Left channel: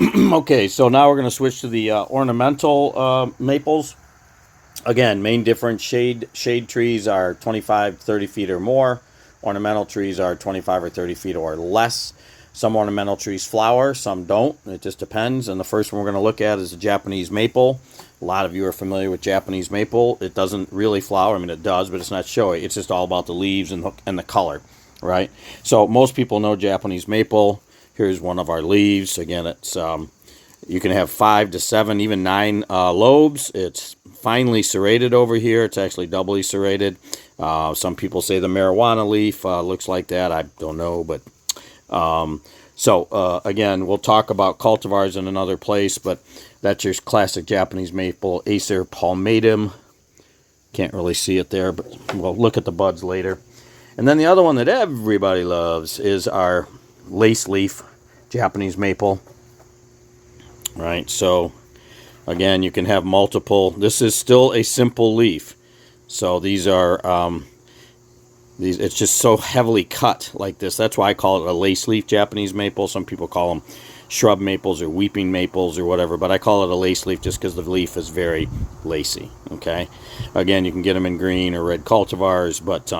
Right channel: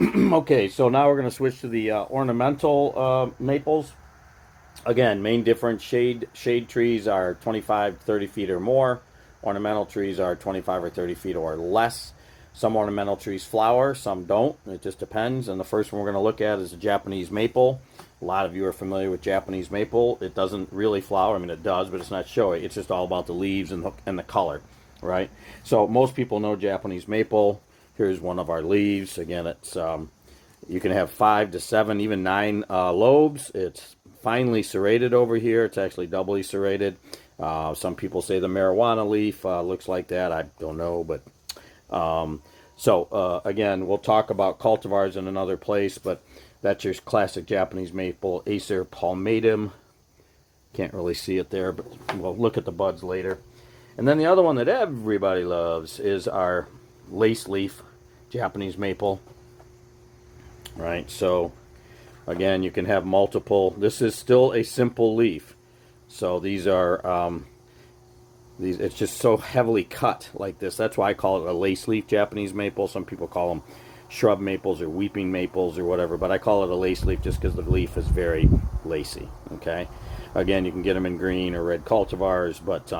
Okay, so now we're going to switch to the ornamental maples. Again, main difference, shade trees are 25, 30 feet or more. Ornamental trees are 25 or 30 feet or less. Some ornamental trees flower, some don't. It just depends. And the first one we're going to look at is the Japanese maple. A lot of you are familiar with Japanese maple. It doesn't really flower. I mean, it does, but it's not showy. It's just all about the leaves and the color, right? So most people know Japanese maple. Here's one of our leaves. Again, it's you can have 5 to 7, even 9 lobes. It's finely serrated over here. It's actually doubly serrated. Some people say the marijuana leaf looks like that. I don't know, but again, we'll talk about cultivars in another place, but that's your classic Japanese maple, Acer palmatum. Can't really see it there, but we'll look at the buds later. And then the other one that everybody loves is our lace leaf Japanese maple. Right, so again, you can have multiple. This is still a simple leaf. So these are it's just so heavily cut like this. That's why I call it a lace leaf Japanese maple. Some people call them shrub maples or weeping maples or whatever, but I call it a lace leaf just because the leaf is very lacy. Okay, again, you can get them in green or red cultivars, but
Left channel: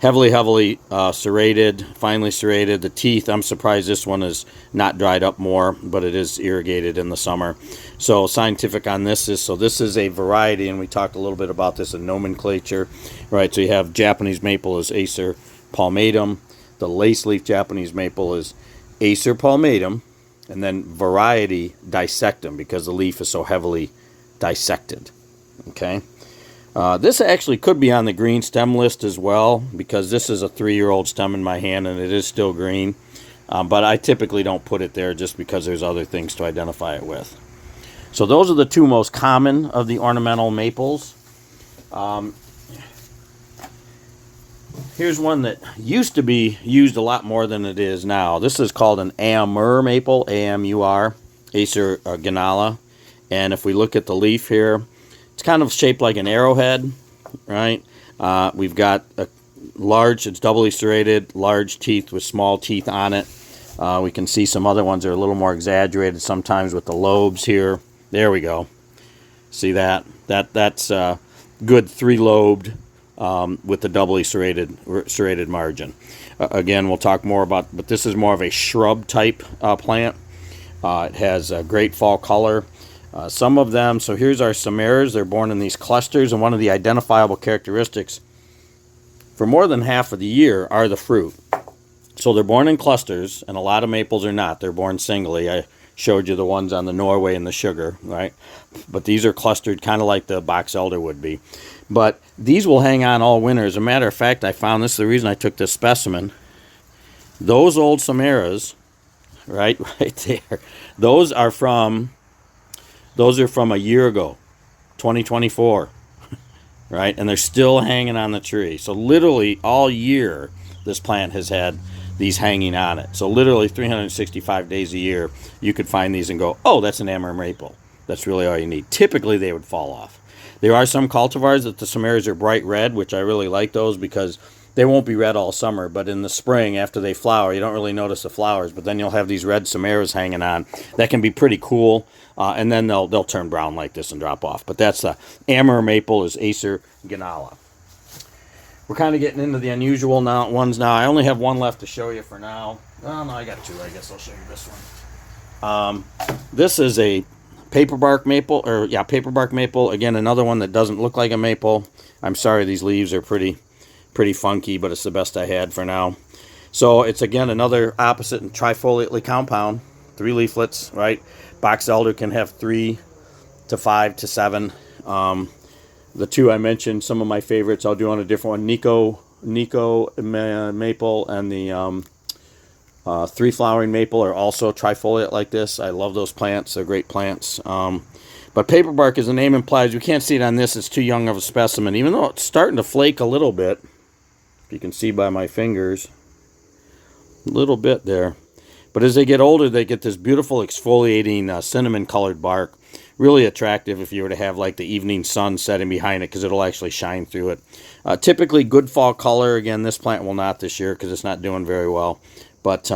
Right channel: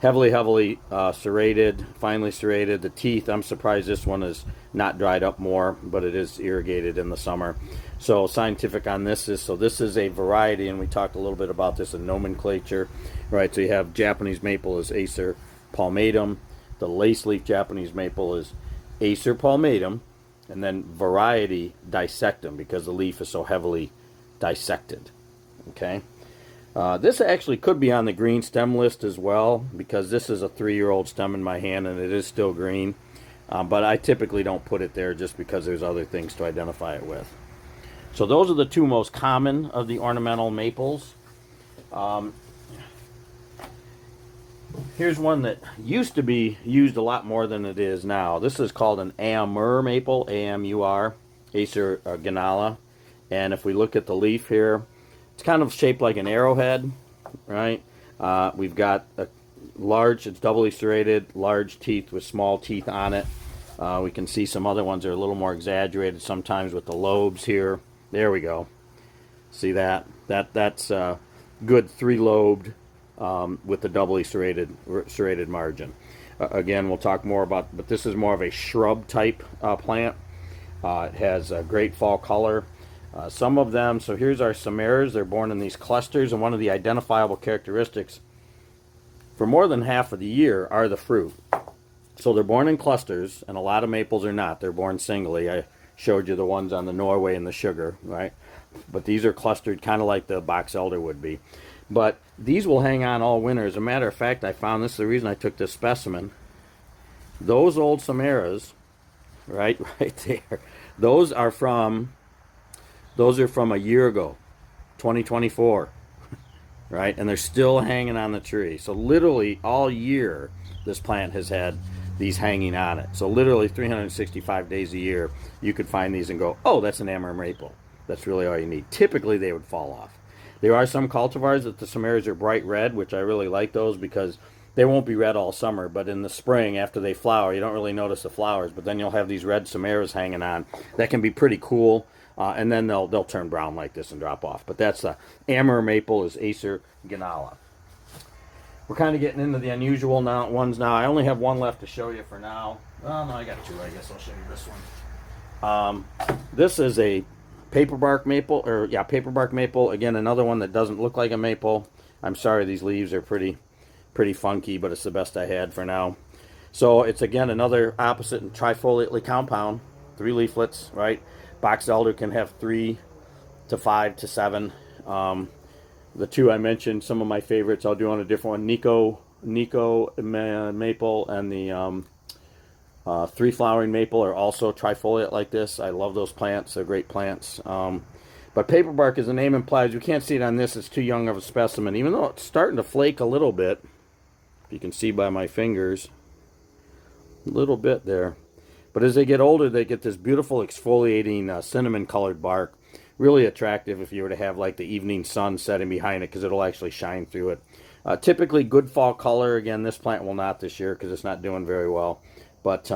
heavily serrated, finely serrated. The teeth, I'm surprised this one is not dried up more, but it is irrigated in the summer. So scientific on this is, so this is a variety, and we talked a little bit about this in nomenclature, right? So you have Japanese maple is Acer palmatum. The lace leaf Japanese maple is Acer palmatum, and then variety dissectum because the leaf is so heavily dissected. Okay. This actually could be on the green stem list as well because this is a 3-year-old stem in my hand and it is still green. But I typically don't put it there just because there's other things to identify it with. So those are the two most common of the ornamental maples. Here's one that used to be used a lot more than it is now. This is called an Amur maple, A-M-U-R, Acer ganala. And if we look at the leaf here, it's kind of shaped like an arrowhead, right? We've got a large, it's doubly serrated, large teeth with small teeth on it. We can see some other ones that are a little more exaggerated sometimes with the lobes here. There we go. See that? That's good 3-lobed with the doubly serrated margin. Again, we'll talk more about, but this is more of a shrub type plant. It has a great fall color. Some of them, so here's our samaras. They're born in these clusters, and one of the identifiable characteristics for more than half of the year are the fruit. So they're born in clusters, and a lot of maples are not. They're born singly. I showed you the ones on the Norway and the sugar, right? But these are clustered kind of like the box elder would be. But these will hang on all winter. As a matter of fact, I found this is the reason I took this specimen. Those old samaras, right there, those are from a year ago, 2024, right? And they're still hanging on the tree. So literally all year, this plant has had these hanging on it. So literally 365 days a year, you could find these and go, oh, that's an Amur maple. That's really all you need. Typically, they would fall off. There are some cultivars that the samaras are bright red, which I really like those because they won't be red all summer. But in the spring, after they flower, you don't really notice the flowers. But then you'll have these red samaras hanging on. That can be pretty cool. And then they'll turn brown like this and drop off. But that's the Amur maple is Acer ganala. We're kind of getting into the unusual ones now. I only have one left to show you for now. Well, no, I got two. I guess I'll show you this one. This is a paperbark maple, paperbark maple. Again, another one that doesn't look like a maple. I'm sorry, these leaves are pretty funky, but it's the best I had for now. So it's again another opposite and trifoliately compound. 3 leaflets, right? Box elder can have 3 to 5 to 7. The two I mentioned, some of my favorites, I'll do on a different one. Nico maple and the 3 flowering maple are also trifoliate like this. I love those plants. They're great plants. But paperbark, as the name implies, we can't see it on this. It's too young of a specimen, even though it's starting to flake a little bit. You can see by my fingers. A little bit there. But as they get older, they get this beautiful exfoliating cinnamon-colored bark. Really attractive if you were to have like the evening sun setting behind it because it'll actually shine through it. Typically good fall color. Again, this plant will not this year because it's not doing very well. But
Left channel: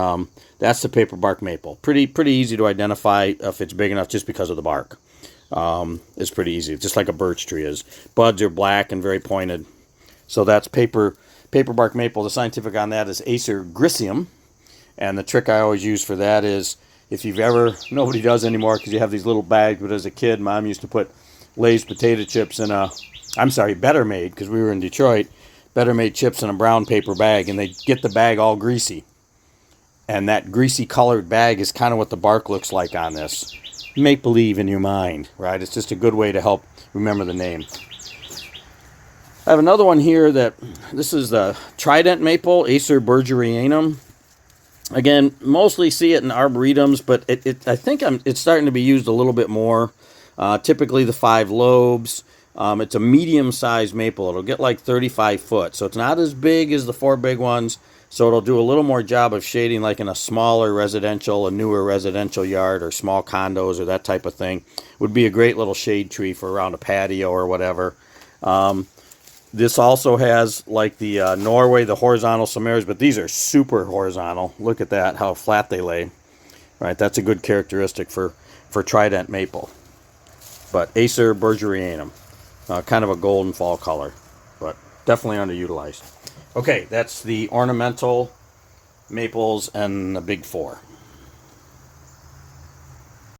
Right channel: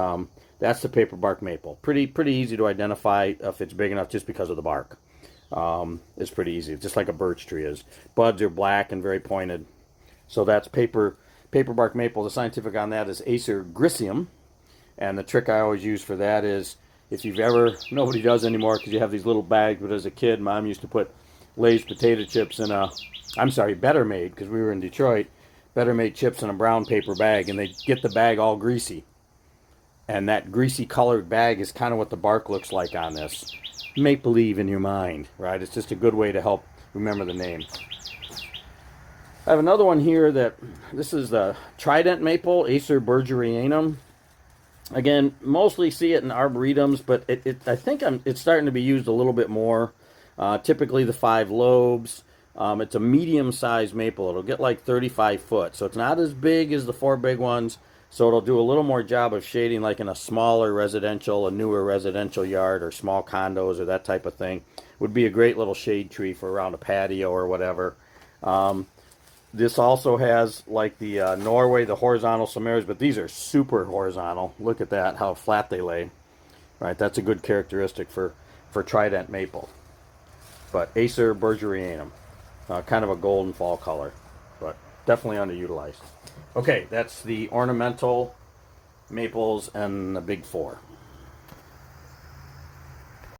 that's the paper bark maple. Pretty easy to identify if it's big enough just because of the bark. It's pretty easy, just like a birch tree is. Buds are black and very pointed. So that's paper bark maple. The scientific on that is Acer gricium. And the trick I always use for that is, if you've ever, nobody does anymore because you have these little bags, but as a kid, Mom used to put Lay's potato chips in a, I'm sorry, Better Made, because we were in Detroit, Better Made chips in a brown paper bag, and they get the bag all greasy. And that greasy colored bag is kind of what the bark looks like on this. Make believe in your mind, right? It's just a good way to help remember the name. I have another one here this is the Trident Maple, Acer bergerianum. Again, mostly see it in arboretums, but I think it's starting to be used a little bit more. Typically the 5 lobes. It's a medium-sized maple. It'll get like 35 foot, so it's not as big as the 4 big ones. So it'll do a little more job of shading like in a smaller residential, a newer residential yard, or small condos or that type of thing. Would be a great little shade tree for around a patio or whatever. This also has, like the Norway, the horizontal samaras, but these are super horizontal. Look at that, how flat they lay. Right, that's a good characteristic for Trident maple. But Acer bergerianum, kind of a golden fall color, but definitely underutilized. Okay, that's the ornamental maples and the big 4.